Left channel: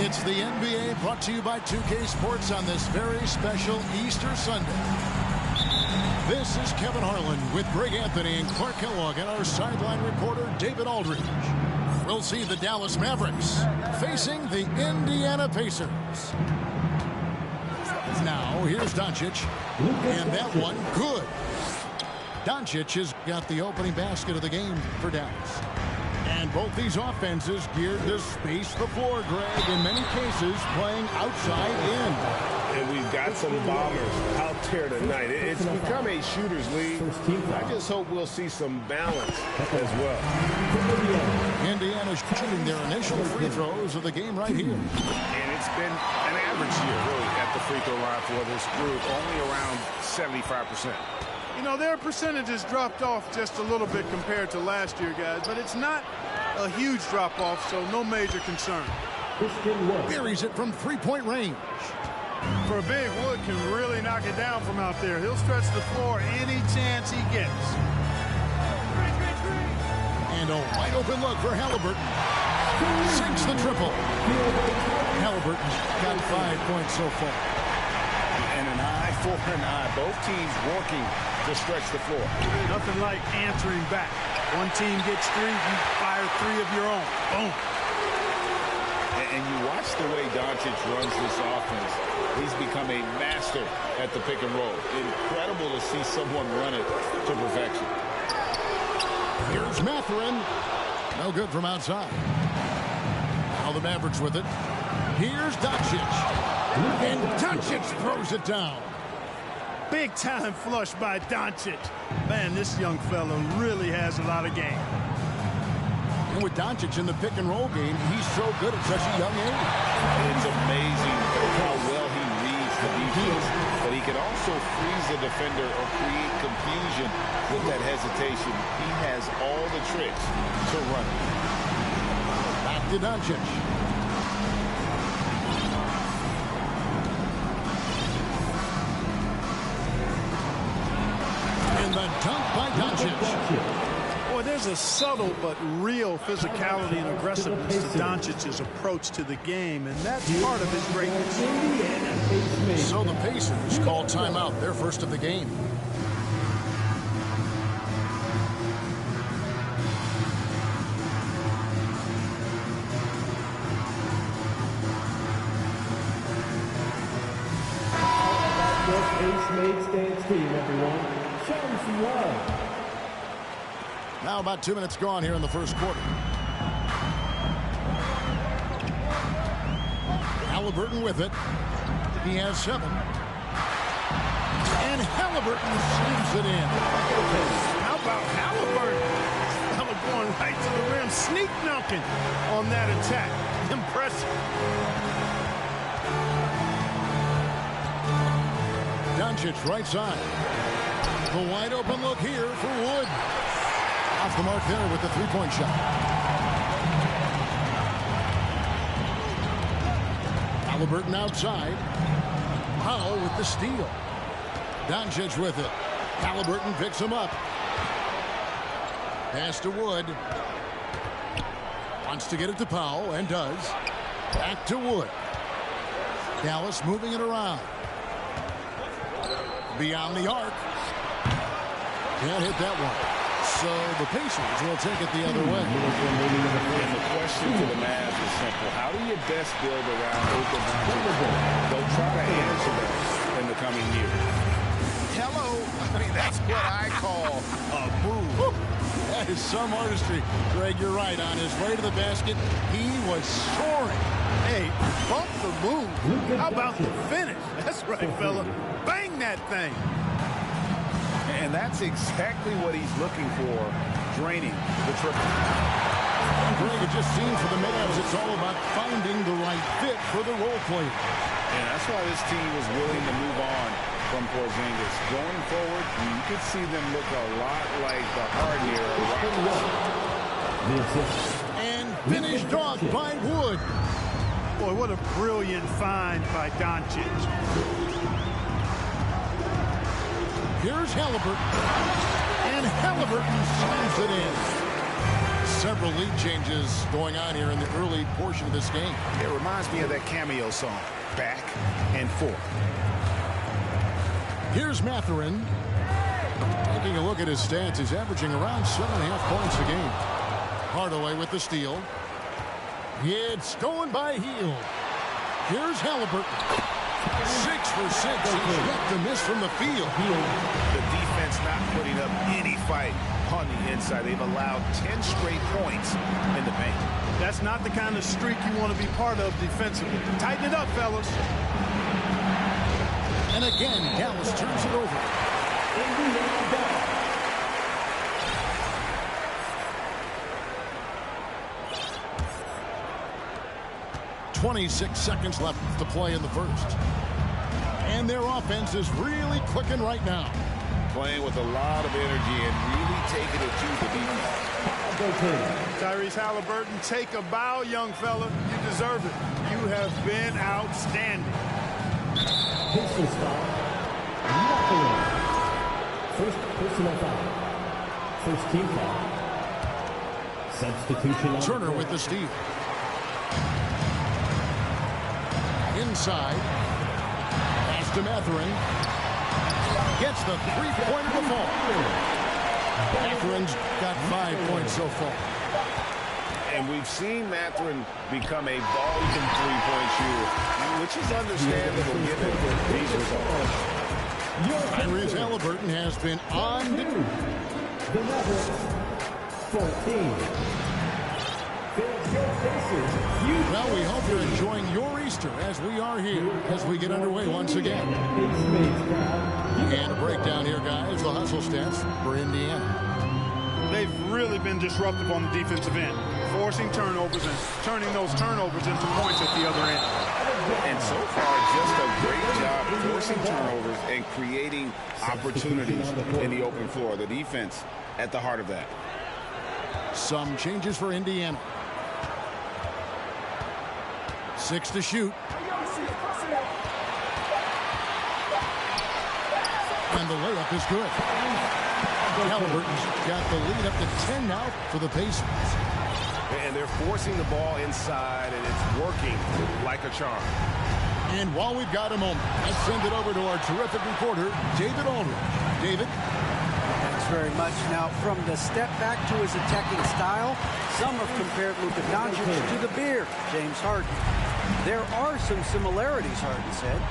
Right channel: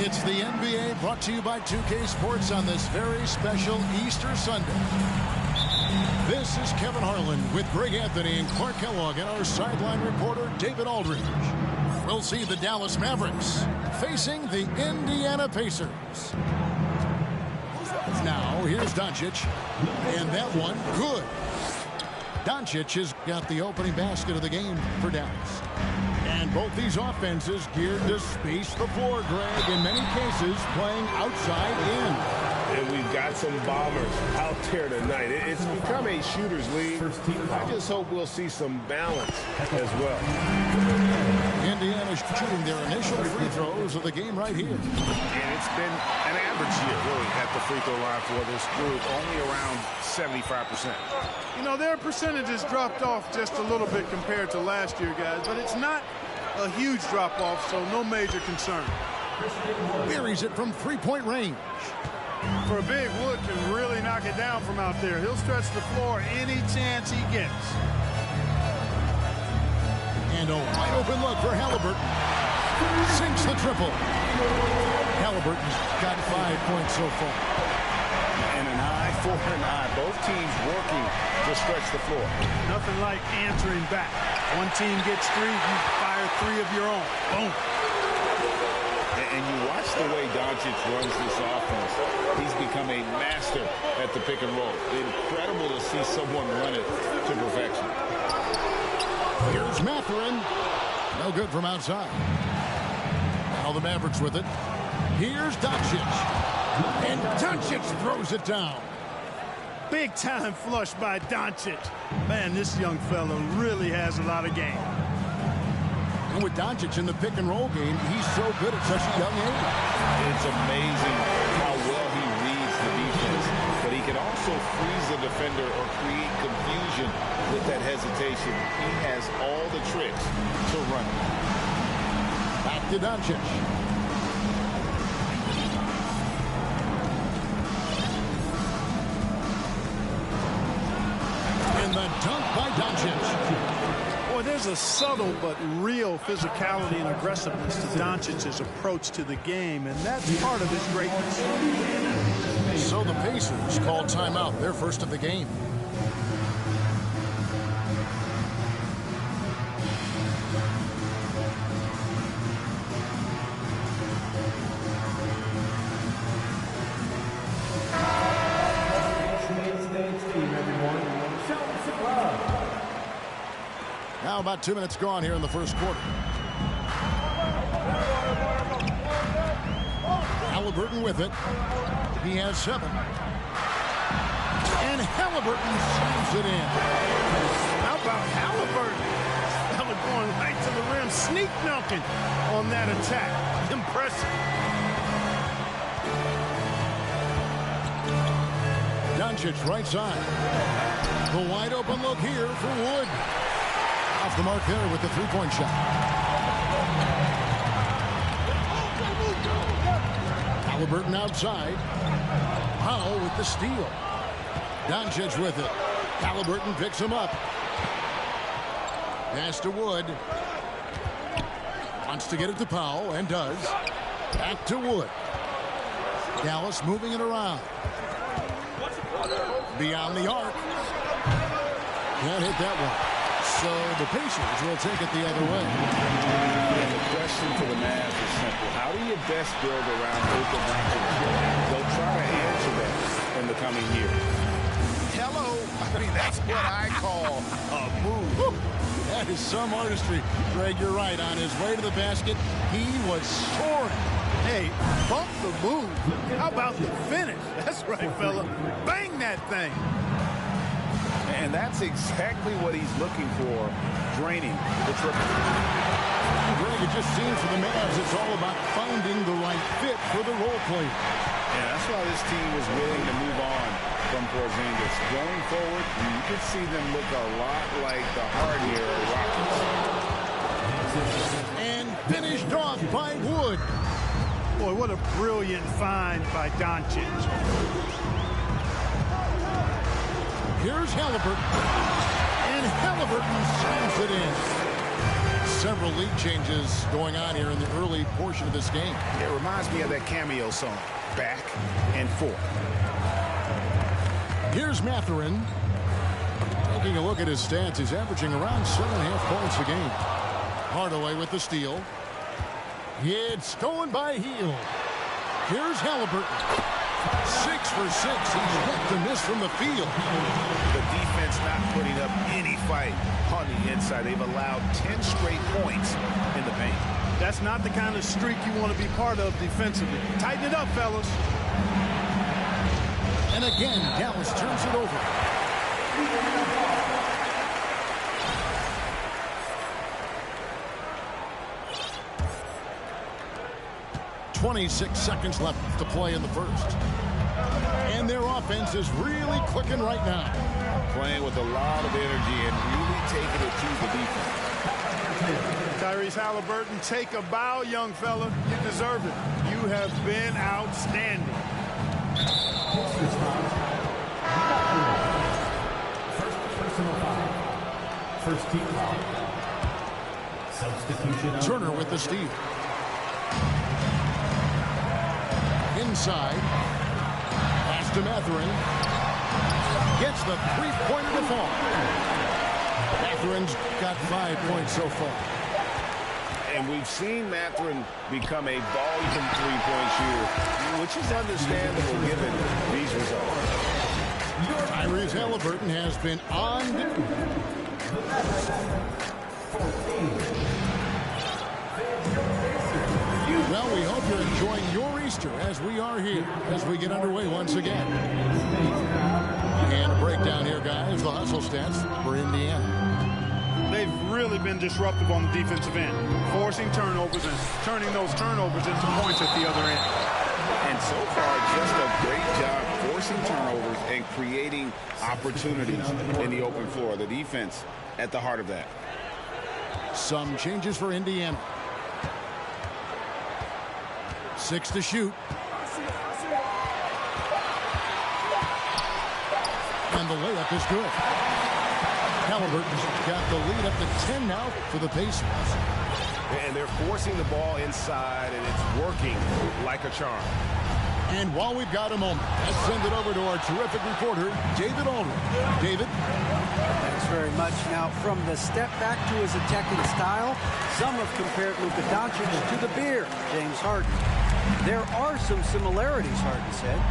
It's the NBA brought to you by 2K Sports on this very special Easter Sunday. This is Kevin Harlan with Greg Anthony and Clark Kellogg and our sideline reporter David Aldridge. We'll see the Dallas Mavericks facing the Indiana Pacers. Now, here's Doncic, and that one good. Doncic has got the opening basket of the game for Dallas. And both these offenses geared to space the floor, Greg, in many cases playing outside in. And we've got some bombers out there tonight. It's become a shooter's league. I just hope we'll see some balance as well. Indiana's shooting their initial free throws of the game right here. And it's been an average year, really, at the free throw line for this group, only around 75%. You know, their percentages dropped off just a little bit compared to last year, guys, but it's not a huge drop-off, so no major concern. Buries it from three-point range. For a big, Wood can really knock it down from out there. He'll stretch the floor any chance he gets. And a wide-open look for Halliburton. Sinks the triple. Halliburton's got 5 points so far. And an eye for an eye. Both teams working to stretch the floor. Nothing like answering back. One team gets three, you fire three of your own. Boom. And you watch the way Doncic runs this offense. He's become a master at the pick and roll. Incredible to see someone run it to perfection. Here's Mathurin. No good from outside. Now the Mavericks with it. Here's Doncic. And Doncic throws it down. Big time flush by Doncic. Man, this young fella really has a lot of game. And with Doncic in the pick and roll game, he's so good at such a young age. It's amazing how well he reads the defense, but he can also freeze the defender or create confusion with that hesitation. He has all the tricks to run it. Back to Doncic. And the dunk by Doncic. Boy, there's a subtle but real physicality and aggressiveness to Doncic's approach to the game, and that's part of his greatness. So the Pacers call timeout, their first of the game. Now about 2 minutes gone here in the first quarter. Halliburton with it. He has 7. And Halliburton slams it in. How about Halliburton? This fella going right to the rim, sneak dunking on that attack. Impressive. Doncic right side. The wide open look here for Wood. Off the mark there with the three-point shot. Halliburton outside. Powell with the steal. Doncic with it. Halliburton picks him up. Pass to Wood. Wants to get it to Powell and does. Back to Wood. Dallas moving it around. Beyond the arc. Can't hit that one. So the Pacers will take it the other way. And the question to the Mavs is simple. How do you best build around Luka Doncic? They'll try to answer that in the coming years. Hello. I mean, that's what I call a move. That is some artistry. Greg, you're right. On his way to the basket, he was soaring. Hey, bump the move. How about the finish? That's right, fella. Bang that thing. And that's exactly what he's looking for, draining the triple. And Greg, it just seems for the Mavs it's all about finding the right fit for the role players. And that's why this team was willing to move on from Porzingis. Going forward, you could see them look a lot like the Harden era Rockets. And finished off by Wood. Boy, what a brilliant find by Doncic. Here's Halliburton. And Halliburton slams it in. Several lead changes going on here in the early portion of this game. It reminds me of that Cameo song, Back and Forth. Here's Mathurin. Taking a look at his stats, he's averaging around 7.5 points a game. Hardaway with the steal. It's stolen by Hield. Here's Halliburton. 6 for 6. He's yet to miss from the field. The defense not putting up any fight on the inside. They've allowed 10 straight points in the paint. That's not the kind of streak you want to be part of defensively. Tighten it up, fellas. And again, Dallas turns it over. .26 seconds left to play in the first. And their offense is really clicking right now. Playing with a lot of energy and really taking it to the defense. Tyrese Halliburton, take a bow, young fella. You deserve it. You have been outstanding. First personal foul. First team foul. Substitution. Turner with the steal. Inside. Pass to Mathurin. Gets the three-pointer to fall. Mathurin's got 5 points so far. And we've seen Mathurin become a volume three-point shooter, which is understandable given these results. Tyrese Halliburton has been on. The Mavericks, 14. Well, we hope you're enjoying your Easter as we are here as we get underway once again. And a breakdown here, guys. The hustle stats for Indiana. They've really been disruptive on the defensive end, forcing turnovers and turning those turnovers into points at the other end. And so far, just a great job forcing turnovers and creating opportunities in the open floor. The defense at the heart of that. Some changes for Indiana. 6 to shoot. And the layup is good. Halliburton's got the lead up to 10 now for the Pacers. And they're forcing the ball inside, and it's working like a charm. And while we've got a moment, let's send it over to our terrific reporter, David Aldridge. David? Thanks very much. Now, from the step back to his attacking style, some have compared Luka Doncic to the bear, James Harden. There are some similarities, Harden said.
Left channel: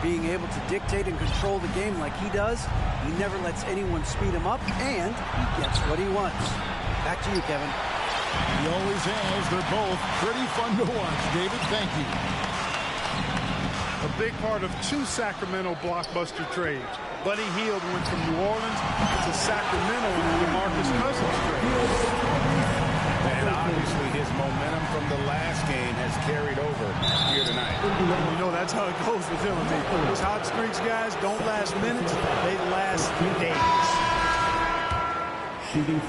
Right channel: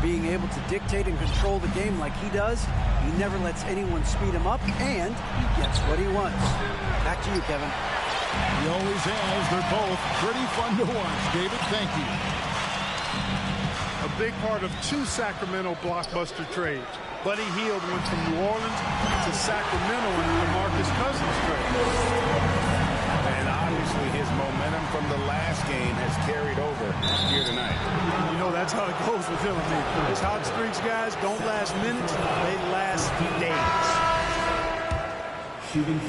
Being able to dictate and control the game like he does, he never lets anyone speed him up, and he gets what he wants. Back to you, Kevin. He always has. They're both pretty fun to watch. David, thank you. A big part of 2 Sacramento blockbuster trades. Buddy Hield went from New Orleans to Sacramento in the DeMarcus Cousins trade. And obviously his momentum from the last game has carried over here tonight. And you know that's how it goes with him and me. Those hot streaks, guys, don't last minutes. They last days.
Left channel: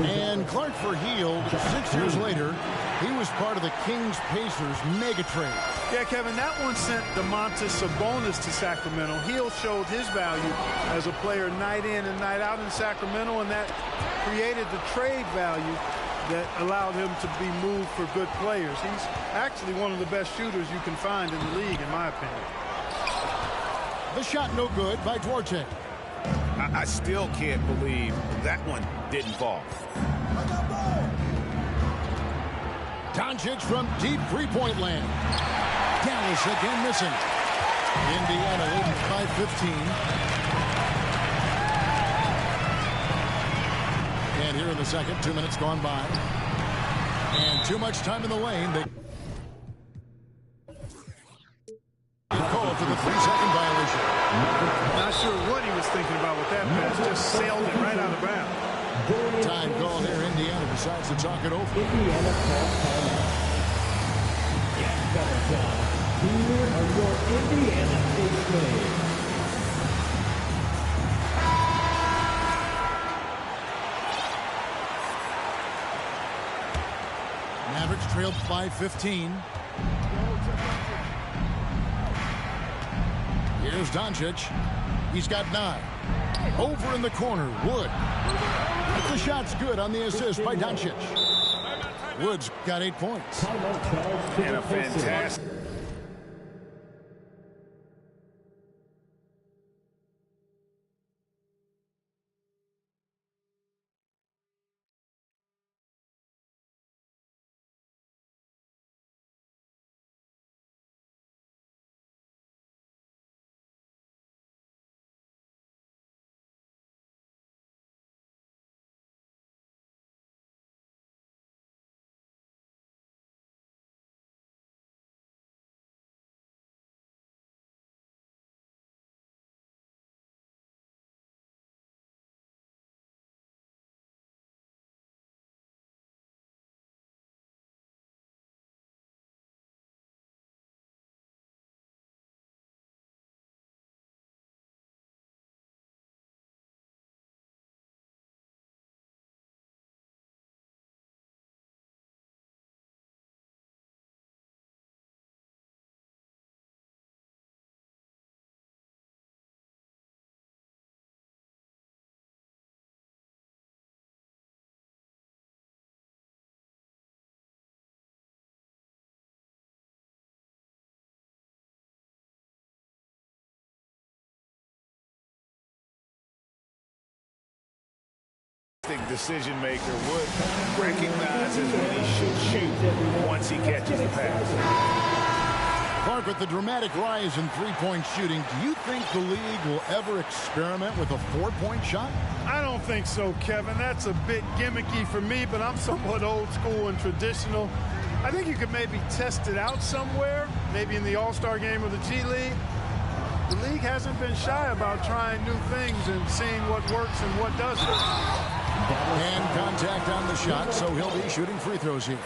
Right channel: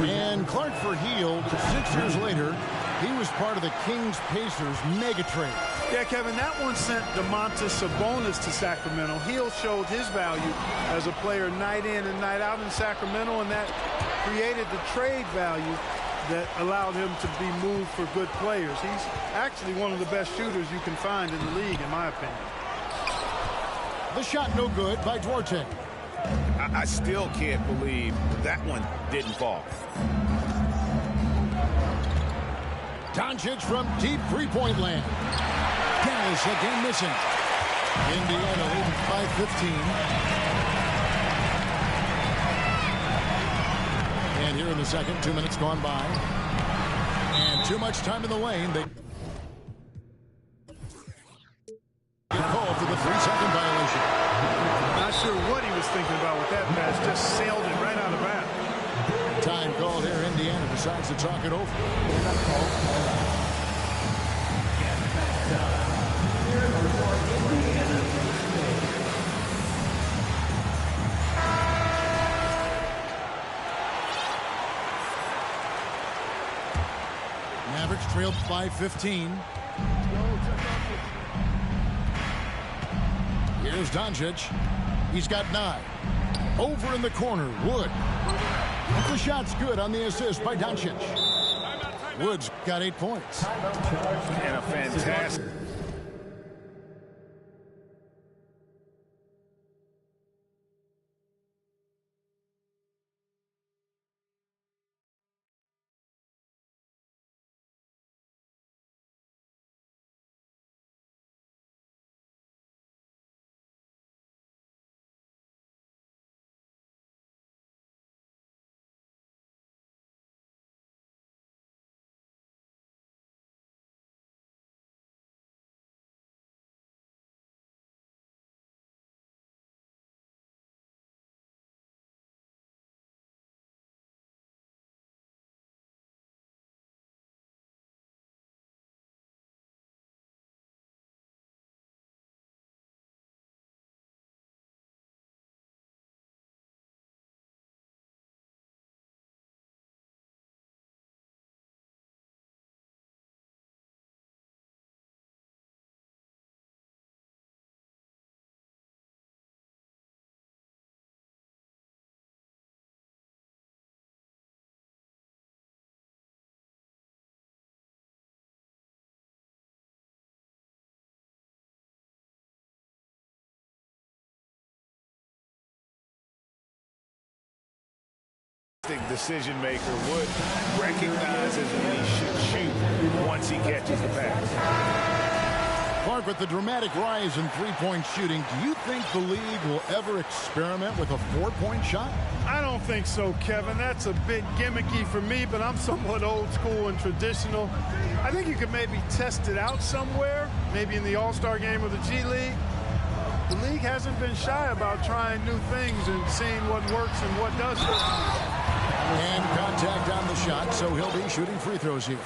And Clark for Hield, 6 years later, he was part of the Kings-Pacers mega trade. Yeah, Kevin, that one sent Domantas Sabonis to Sacramento. Hield showed his value as a player night in and night out in Sacramento, and that created the trade value that allowed him to be moved for good players. He's actually one of the best shooters you can find in the league, in my opinion. The shot no good by Duarte. I still can't believe that one didn't fall. Doncic from deep three-point land. Dallas again missing. Indiana leading by 15. And here in the second, 2 minutes gone by. And too much time in the lane. They get called for the 3-second violation. Not sure what he was thinking about with that pass. Just sailed it right out of bounds. Time called here. Indiana decides to talk it over. Indiana calls timeout. Get better time. Here are your Indiana face names. Mavericks trailed by 15. Here's Doncic. He's got 9. Over in the corner, Wood. The shot's good on the assist by Doncic. Wood's got 8 points. And a fantastic. Decision maker. Wood recognizes when he should shoot once he catches the pass. Clark, with the dramatic rise in three-point shooting, do you think the league will ever experiment with a four-point shot? I don't think so, Kevin. That's a bit gimmicky for me, but I'm somewhat old school and traditional. I think you could maybe test it out somewhere, maybe in the All-Star game or the G League. The league hasn't been shy about trying new things and seeing what works and what doesn't. And contact on the shot, so he'll be shooting free throws here.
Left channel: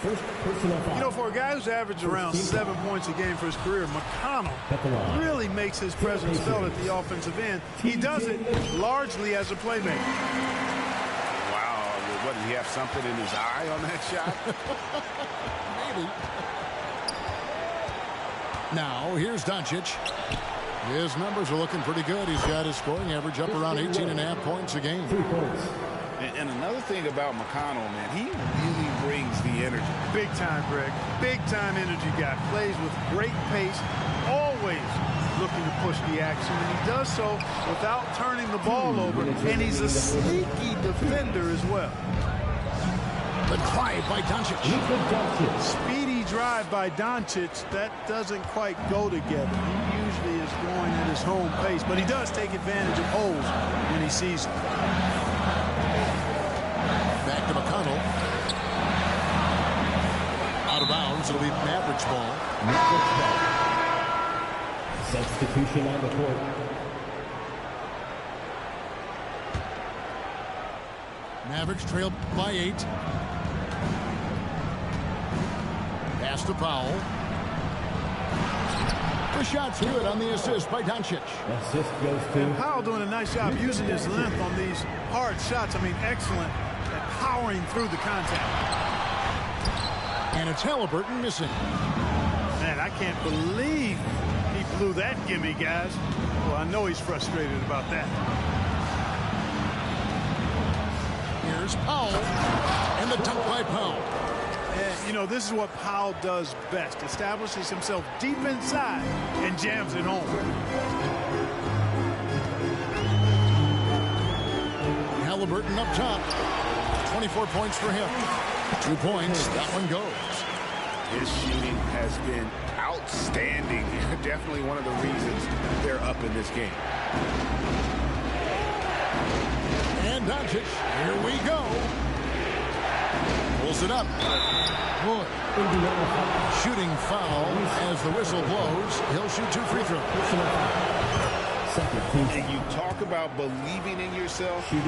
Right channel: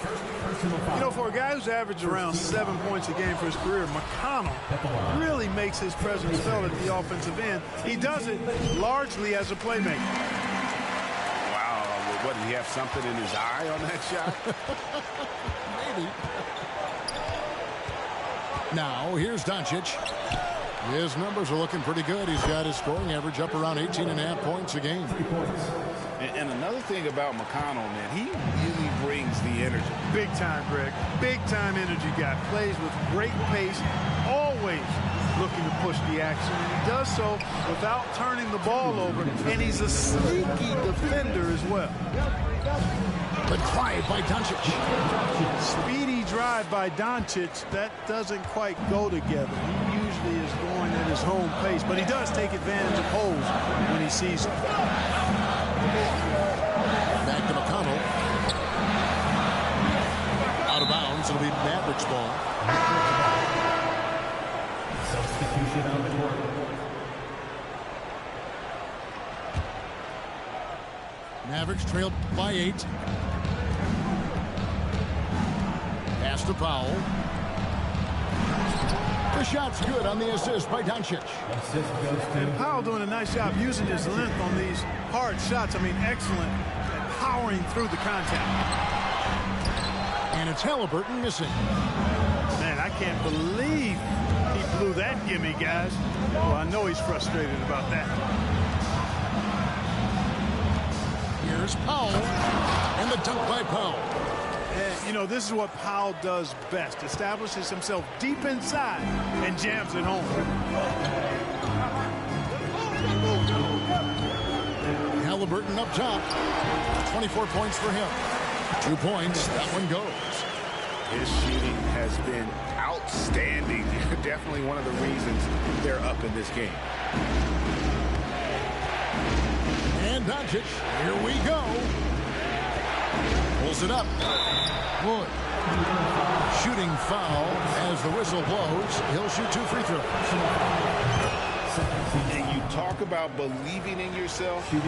You know, for a guy who's averaged around 7 points a game for his career, McConnell really makes his presence felt at the offensive end. He does it largely as a playmaker. Wow, what, did he have something in his eye on that shot? Maybe. Now, here's Doncic. His numbers are looking pretty good. He's got his scoring average up around 18.5 points a game. 3 points. And another thing about McConnell, man, he really brings the energy. Big time, Greg. Big time energy guy. Plays with great pace. Always looking to push the action. And he does so without turning the ball over. And he's a sneaky defender as well. The drive by Doncic. Speedy drive by Doncic. That doesn't quite go together. He usually is going at his home pace. But he does take advantage of holes when he sees them. Back to McConnell. Out of bounds. It'll be Mavericks ball. Substitution on the court. Mavericks trailed by 8. Pass to Powell. The shot's good on the assist by Doncic. Assist goes to. And Powell doing a nice job using his length on these hard shots. I mean, excellent at powering through the contact. And it's Halliburton missing. Man, I can't believe he blew that gimme, guys. Well, I know he's frustrated about that. Here's Powell. And the dunk by Powell. And, you know, this is what Powell does best. Establishes himself deep inside and jams it home. Halliburton up top. 24 points for him. 2 points. That one goes. His shooting has been outstanding. Definitely one of the reasons they're up in this game. And Doncic, here we go. Pulls it up. Wood. Shooting foul as the whistle blows. He'll shoot 2 free throws. And you talk about believing in yourself. And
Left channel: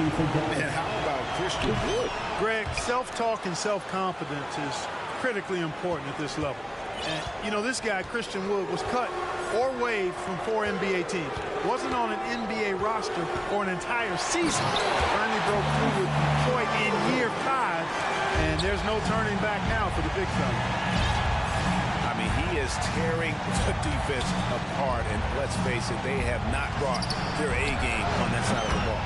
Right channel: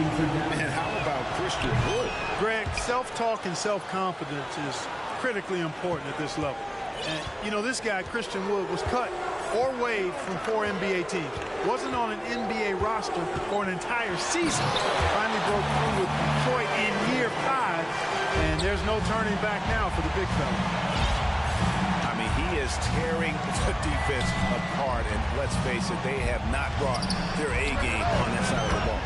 how about Christian Wood? Greg, self-talk and self-confidence is critically important at this level. And, you know, this guy, Christian Wood, was cut or waived from 4 NBA teams. Wasn't on an NBA roster for an entire season. Finally broke through with Detroit in year 5, and there's no turning back now for the big fella. I mean, he is tearing the defense apart, and let's face it, they have not brought their A game on that side of the ball.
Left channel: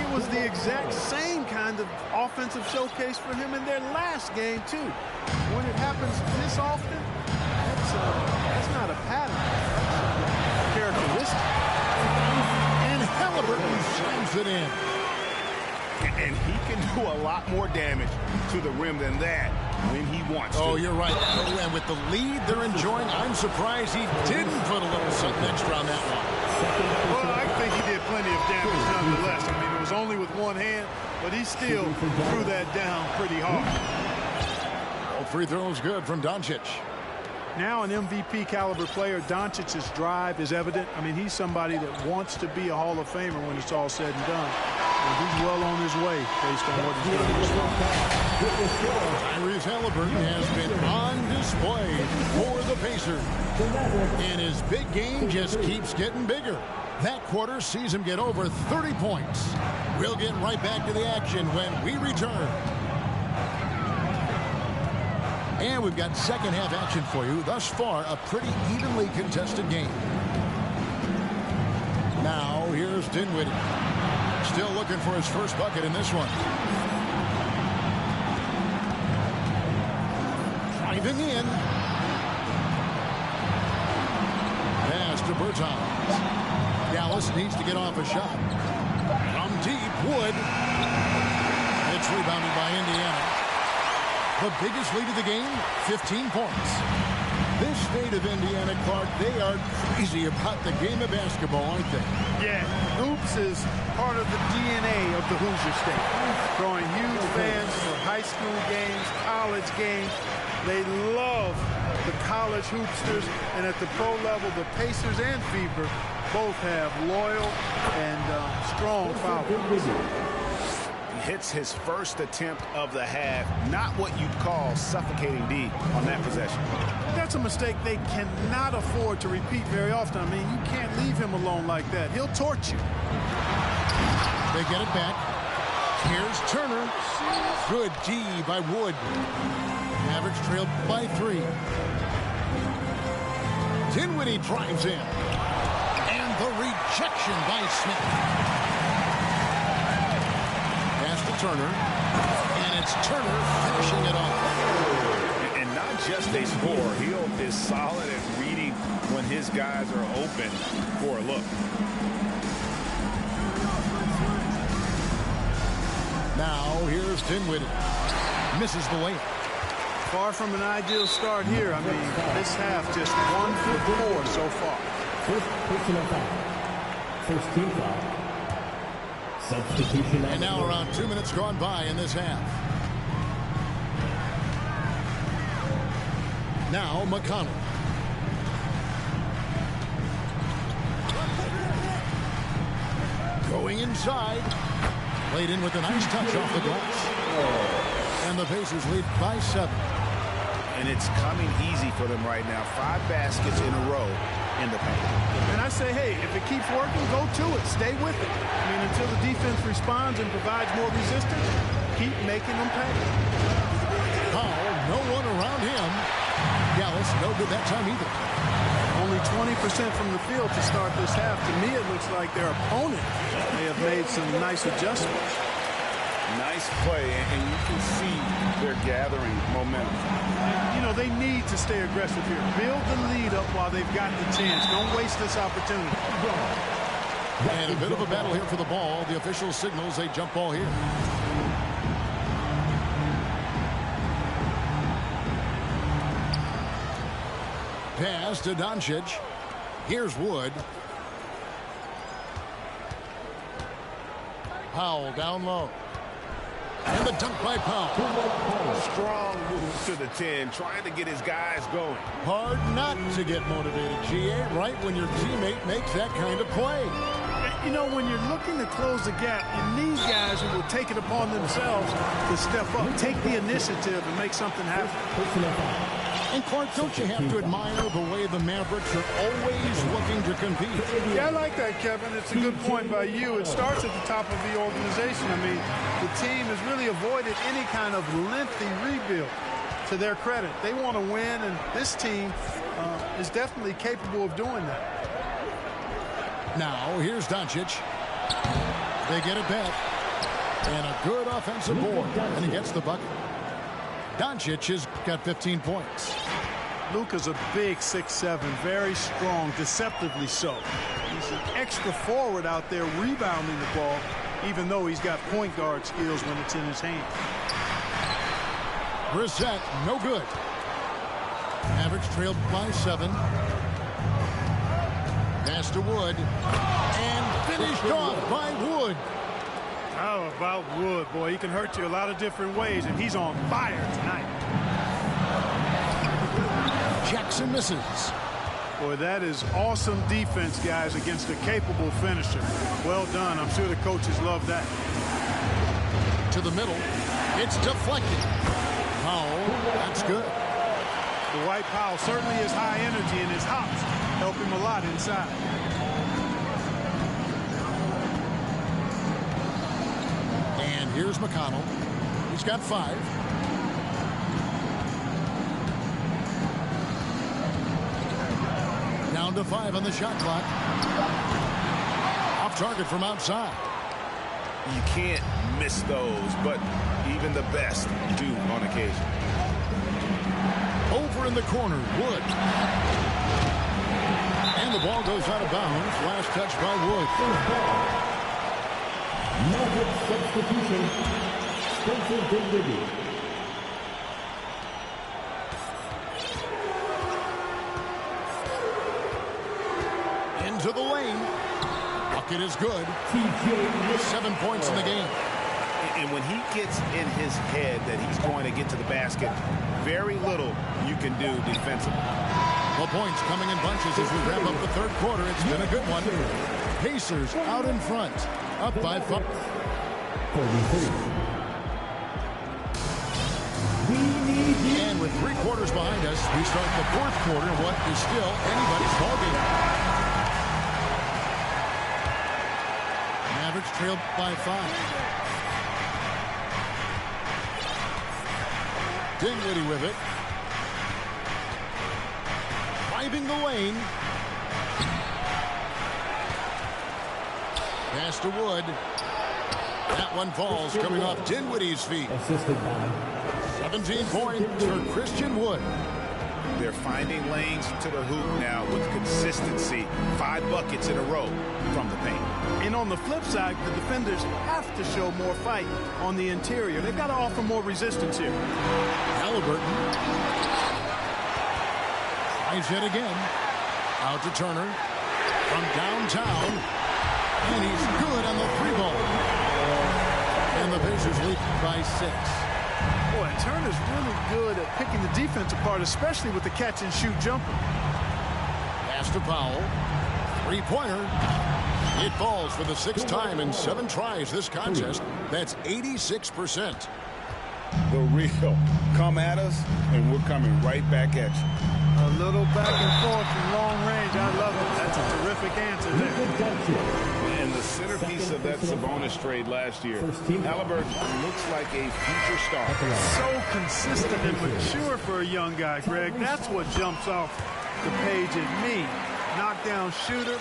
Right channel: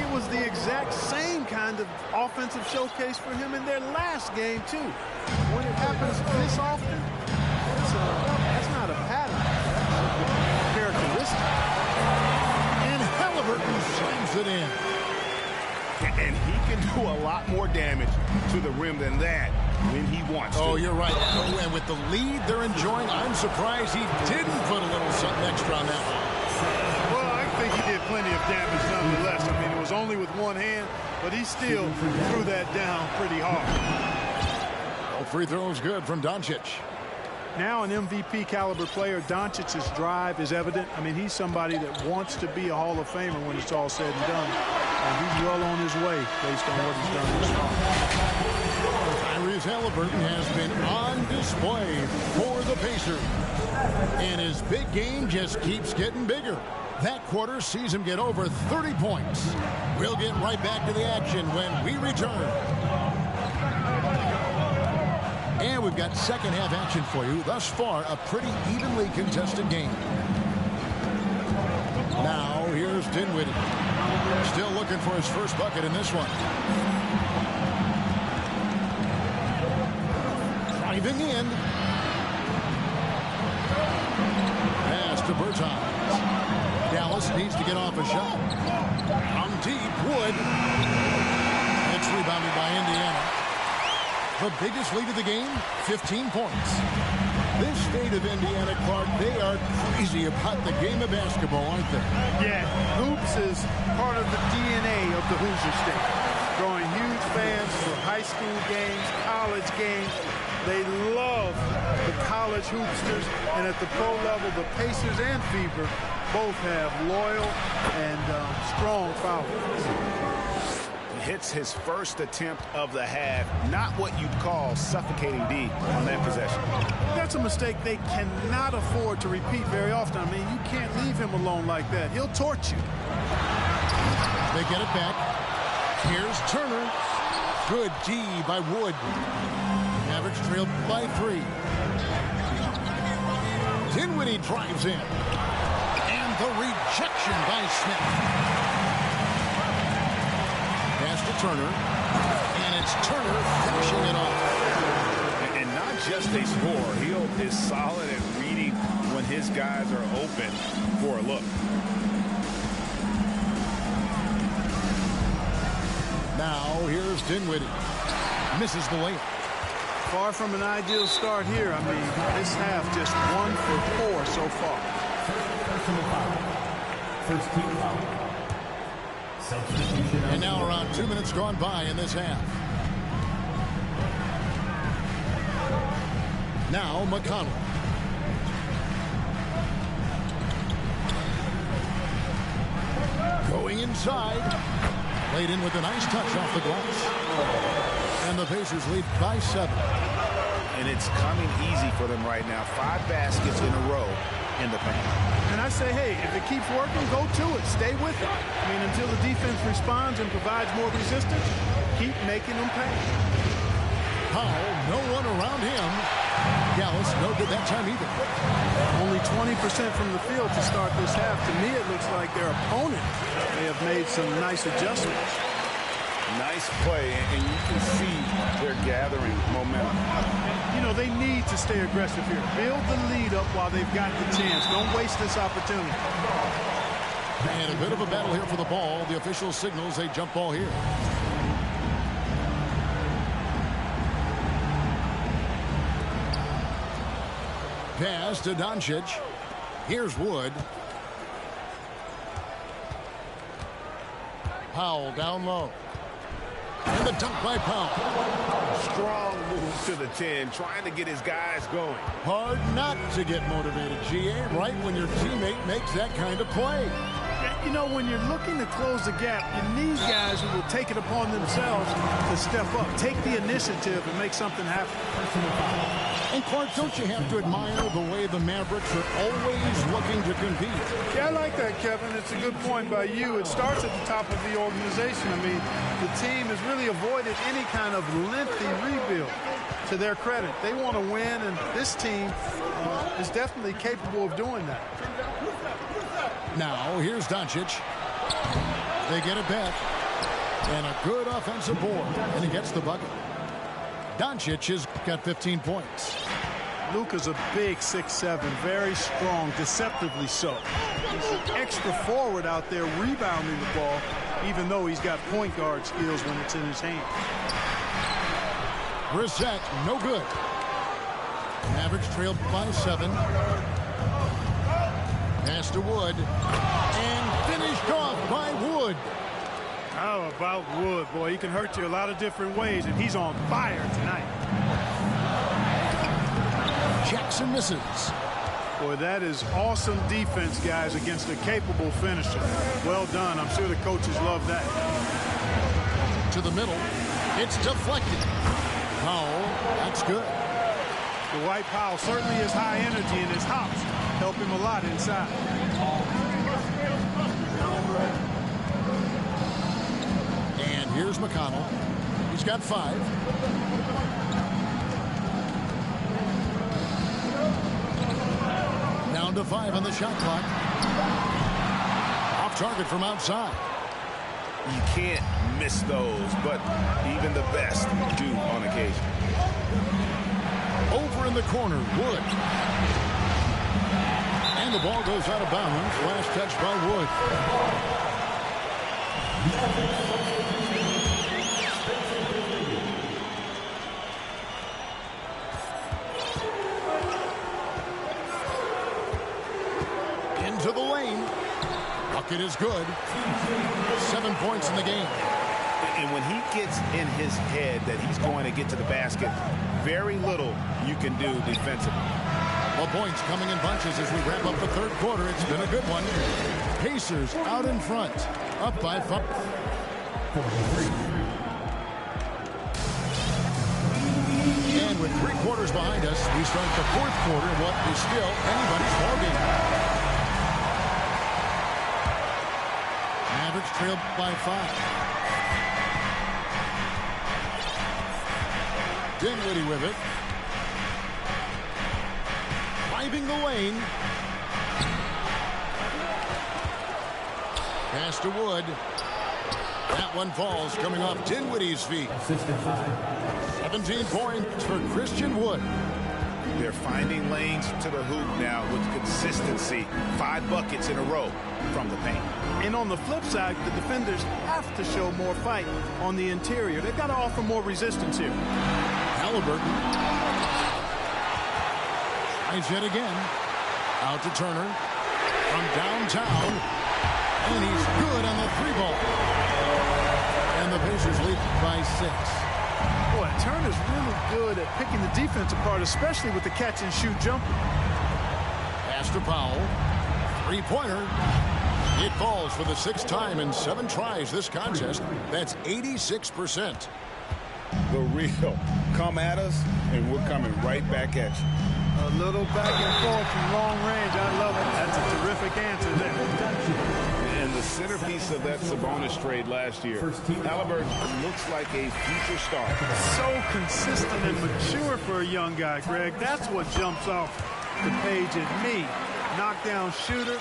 It was the exact same kind of offensive showcase for him in their last game, too. When it happens this often, that's not a pattern. That's a characteristic. And Halliburton slams it in. And he can do a lot more damage to the rim than that when he wants to. Oh, you're right. And with the lead they're enjoying, I'm surprised he didn't put a little something extra on that one. Well, I think he did plenty of damage nonetheless. I mean, it was only with one hand, but he still threw that down pretty hard. All free throws good from Doncic. Now an MVP caliber player, Doncic's drive is evident. I mean, he's somebody that wants to be a Hall of Famer when it's all said and done. And he's well on his way based on what he's done this far. Tyrese Halliburton has been on display for the Pacers. And his big game just keeps getting bigger. That quarter sees him get over 30 points. We'll get right back to the action when we return. And we've got second half action for you. Thus far, a pretty evenly contested game. Now, here's Dinwiddie. Still looking for his first bucket in this one. Driving in. Pass to Bertans. Dallas needs to get off a shot. From deep, Wood. It's rebounded by Indiana. The biggest lead of the game, 15 points. This state of Indiana, Clark, they are crazy about the game of basketball, aren't they? Yeah, hoops is part of the DNA of the Hoosier State. Drawing huge fans for high school games, college games. They love the college hoopsters, and at the pro level, the Pacers and Fever both have loyal and strong followers. Hits his first attempt of the half. Not what you'd call suffocating D on that possession. That's a mistake they cannot afford to repeat very often. I mean, you can't leave him alone like that. He'll torch you. They get it back. Here's Turner. Good D by Wood. Mavericks trailed by 3. Dinwiddie drives in. And the rejection by Smith. Pass to Turner, and it's Turner finishing it off. And not just a scorer, he is solid at reading when his guys are open for a look. Now here's Dinwiddie. Misses the layup. Far from an ideal start here. I mean, this half just 1 for 4 so far. First personal foul. First team foul. Substitution. And now around 2 minutes gone by in this half. Now McConnell. Going inside. Played in with a nice touch off the glass. And the Pacers lead by 7. And it's coming easy for them right now. 5 baskets in a row in the paint. And I say, hey, if it keeps working, go to it. Stay with it. I mean, until the defense responds and provides more resistance, keep making them pay. Powell, no one around him. Dallas, no good that time either. Only 20% from the field to start this half. To me, it looks like their opponent may have made some nice adjustments. Nice play, and you can see they're gathering momentum. You know, they need to stay aggressive here. Build the lead up while they've got the chance. Don't waste this opportunity. And a bit of a battle here for the ball. The official signals a jump ball here. Pass to Doncic. Here's Wood. Powell down low. And the dunk by Powell. Strong move to the 10, trying to get his guys going. Hard not to get motivated, GA, right when your teammate makes that kind of play. You know, when you're looking to close the gap, you need guys who will take it upon themselves to step up, take the initiative, and make something happen. And Clark, don't you have to admire the way the Mavericks are always looking to compete? Yeah, I like that, Kevin. It's a good point by you. It starts at the top of the organization. I mean, the team has really avoided any kind of lengthy rebuild. To their credit, they want to win, and this team is definitely capable of doing that. Now, here's Doncic. They get a bet. And a good offensive board. And he gets the bucket. Doncic has got 15 points. Luka's a big 6'7", very strong, deceptively so. He's an extra forward out there rebounding the ball, even though he's got point guard skills when it's in his hand. Brissett, no good. Mavericks trailed by 7. Pass to Wood. And finished off by Wood. How about Wood? Boy, he can hurt you a lot of different ways, and he's on fire tonight. Jackson misses. Boy, that is awesome defense, guys, against a capable finisher. Well done. I'm sure the coaches love that. To the middle. It's deflected. Powell, that's good. Dwight Powell certainly is high energy, and his hops help him a lot inside. And here's McConnell. He's got 5. Down to 5 on the shot clock. Off target from outside. You can't miss those, but even the best do on occasion. Over in the corner, Wood. And the ball goes out of bounds. Last touch by Wood. Substitution. Spencer Dinwiddie. Into the lane. Bucket is good. 7 points in the game. And when he gets in his head that he's going to get to the basket, very little you can do defensively. Well, points coming in bunches as we wrap up the third quarter. It's been a good one. Pacers out in front. Up by 5. 43. And with 3 quarters behind us, we start the fourth quarter in what is still anybody's ballgame. Mavericks trailed by 5. Dinwiddie with it. Driving the lane. Pass to Wood. That one falls coming off Dinwiddie's feet. Assisted by 17 points for Christian Wood. They're finding lanes to the hoop now with consistency. 5 buckets in a row from the paint. And on the flip side, the defenders have to show more fight on the interior. They've got to offer more resistance here. Halliburton. Tries it again. Out to Turner. From downtown. And he's good on the 3-ball. And the Pacers lead by 6. Boy, Turner's really good at picking the defense apart, especially with the catch-and-shoot jumper. Pass to Powell. 3-pointer. It falls for the 6th time in 7 tries this contest. That's 86%. The real. Come at us, and we're coming right back at you. A little back and forth from long range. I love it. That's a terrific answer there. And the centerpiece of that Sabonis trade last year, Halliburton looks like a future star. So consistent and mature for a young guy, Greg. That's what jumps off the page at me. Knockdown shooter,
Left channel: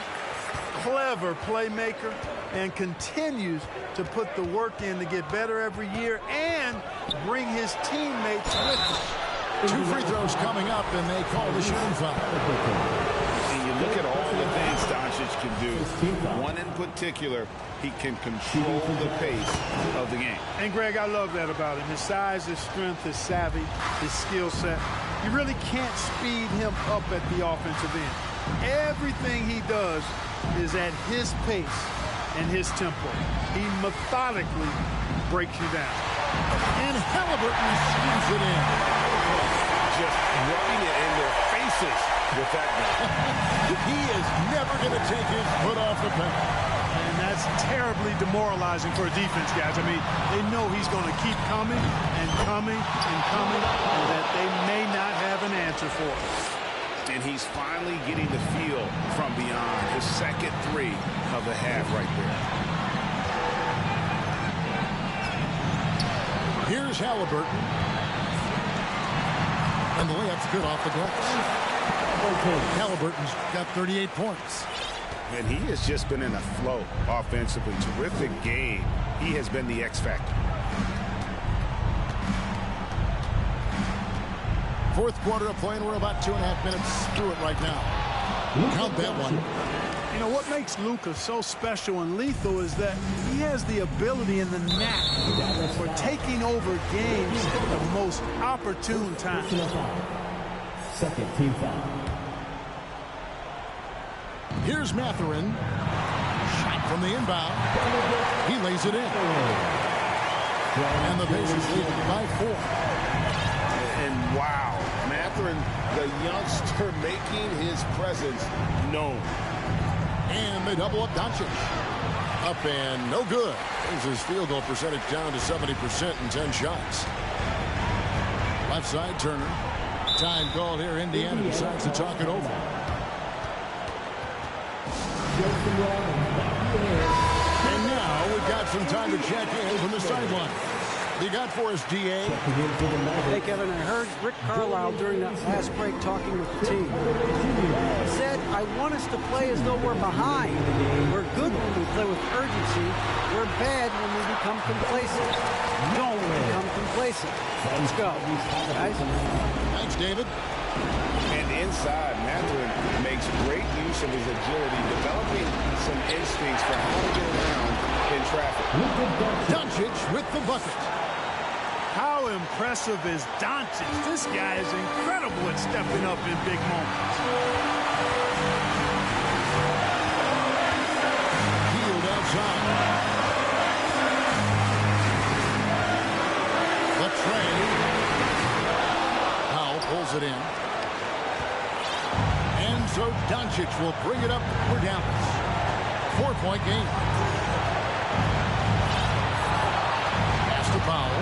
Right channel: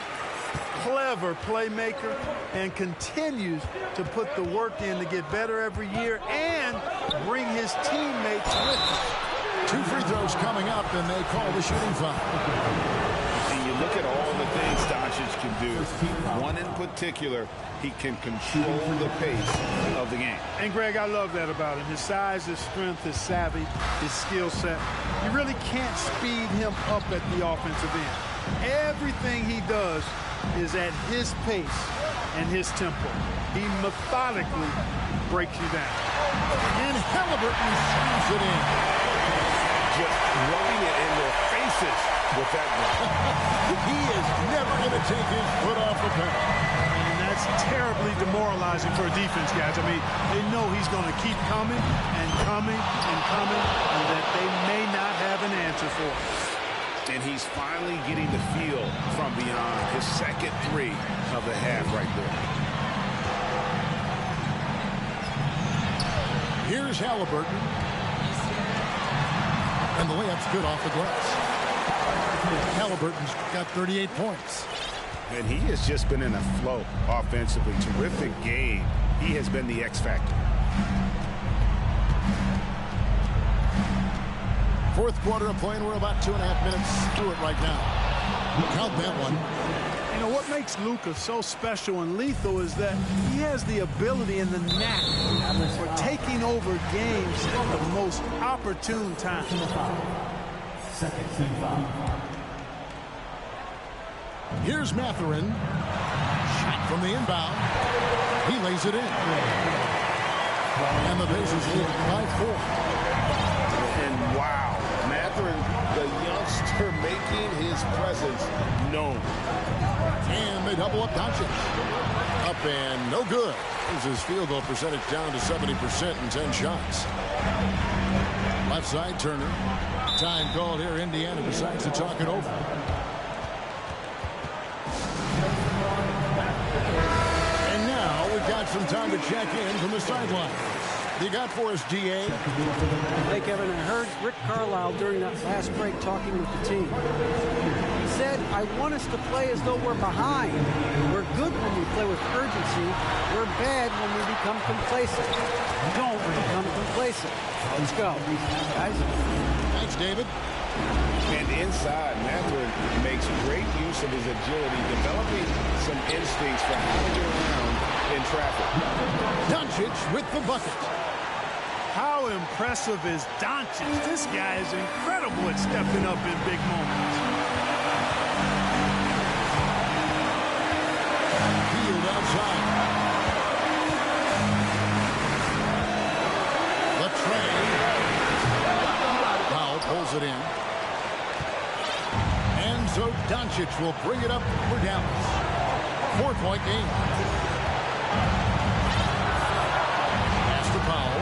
clever playmaker, and continues to put the work in to get better every year and bring his teammates with him. 2 free throws coming up, and they call the shooting foul. And you look at all the things Doncic can do. One in particular, he can control the pace of the game. And, Greg, I love that about him. His size, his strength, his savvy, his skill set. You really can't speed him up at the offensive end. Everything he does is at his pace and his tempo. He methodically breaks you down. And Halliburton swings it in. Just rubbing it in their faces with that ball. He is never going to take his foot off the pedal. And That's terribly demoralizing for a defense, guys. I mean, they know he's going to keep coming and coming and coming, and that they may not have an answer for it. And he's finally getting the feel from beyond. His second three of the half right there. Here's Halliburton. And the layup's good off the glass. Halliburton's got 38 points. And he has just been in a flow offensively. Terrific game. He has been the X factor. Fourth quarter of play, and we're about 2.5 minutes through it right now. Count that one. You know, what makes Luka so special and lethal is that he has the ability and the knack for taking over games at the most opportune time. Second team foul. Here's Mathurin. Shot from the inbound. He lays it in. And the Pacers lead it by 4. And wow, Mathurin, the youngster, making his presence known. And they double up Doncic. Up and no good. Brings his field goal percentage down to 70% in 10 shots. Left side, Turner. Time called here. Indiana decides to talk it over. And now we've got some time to check in from the sideline. You got for us, DA? Hey, Kevin, I heard Rick Carlisle during that last break talking with the team. He said, I want us to play as though we're behind. We're good when we play with urgency. We're bad when we become complacent. Don't become complacent. Let's go, guys. Thanks, David. And inside, Mathurin makes great use of his agility, developing some instincts for how to get around in traffic. Doncic with the bucket. How impressive is Doncic? This guy is incredible at stepping up in big moments. Field outside. The trade. Powell pulls it in. And so Doncic will bring it up for Dallas. 4-point game. Pass to Powell.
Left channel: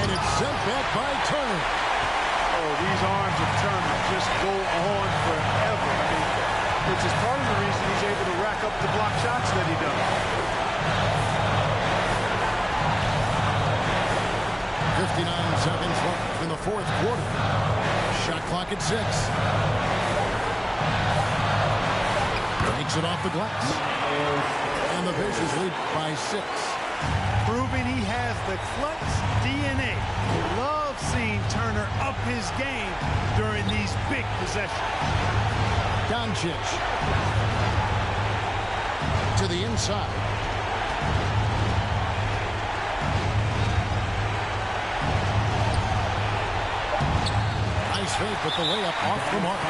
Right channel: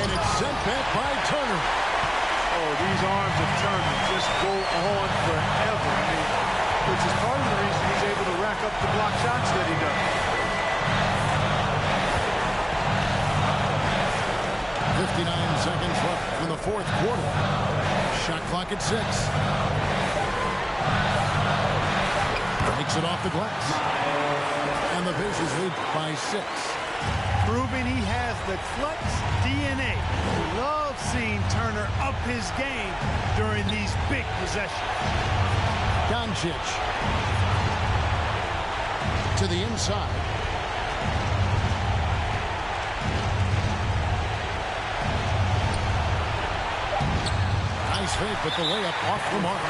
And it's sent back by Turner. Oh, these arms of Turner just go on forever. I mean, which is part of the reason he's able to rack up the block shots that he does. 59 seconds left in the fourth quarter. Shot clock at 6. Takes it off the glass. And the Pacers lead by 6. Proving he has the clutch DNA. Love seeing Turner up his game during these big possessions. Doncic to the inside. Nice fake, but the layup off the mark.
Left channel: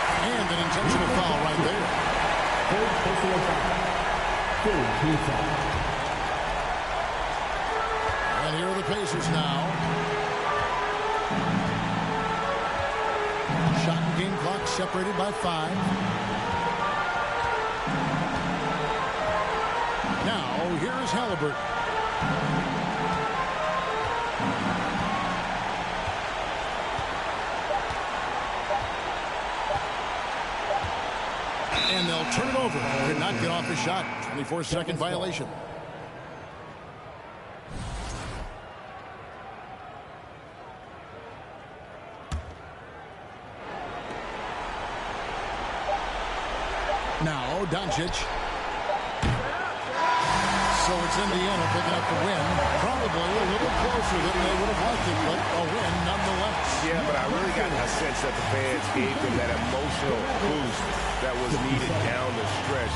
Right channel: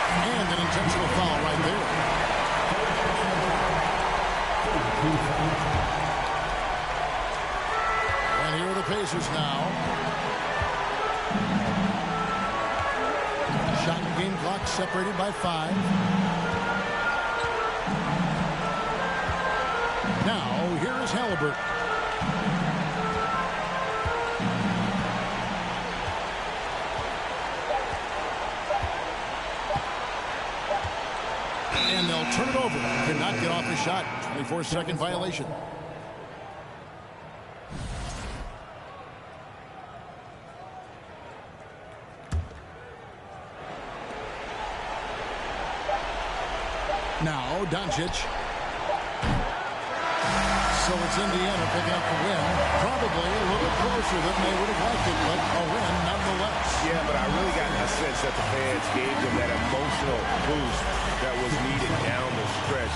And an intentional foul right there. And here are the Pacers now. Shot and game clock separated by 5. Now, here is Halliburton. And they'll turn it over. Could not get off the shot. 24-second violation. Now, Doncic. So it's Indiana picking up the win. Probably a little closer than they would have liked it, but a win nonetheless. Yeah, but I really got a sense that the fans gave them that emotional boost that was needed down the stretch.